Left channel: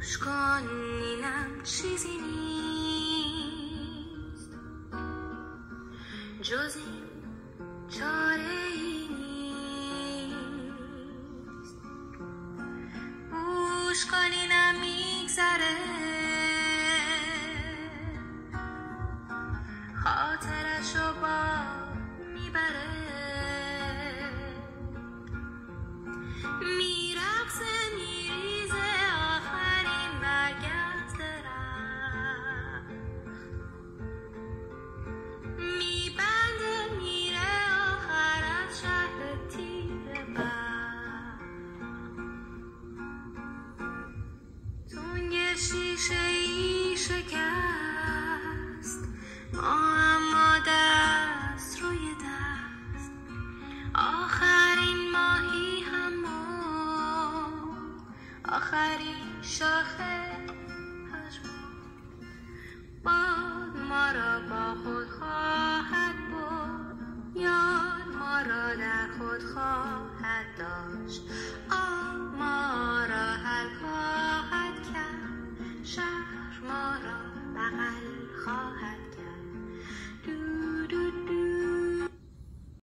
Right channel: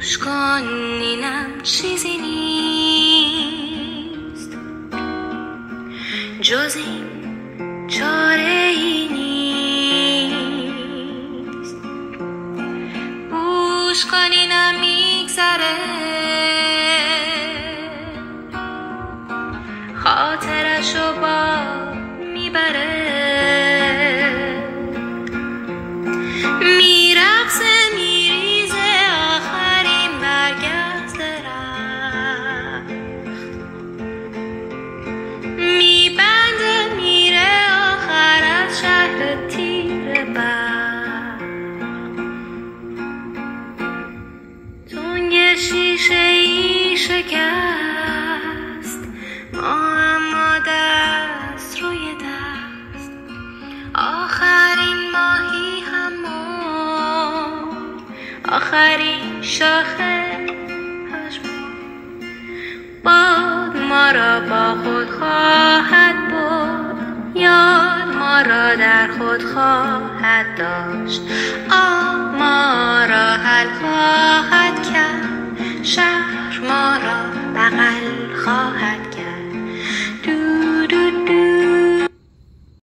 گوش کن اینم چیزی نیست جز این چاره ای نیست. گوش کن اینم میگذره خاطرشو با میبره میرقصه میریزه آخرین برگ از درخت میبنده میره آخر از شهر تیره برق تنگ شیشه ای شکست اما دست روی دست آخرین ماهی همون آخرین شاخه پشمون باد ما را با خود خواهد برد یاد ما را در خود خواهد داشت ما را حل خواهد کرد شهر ما را بغل خواهد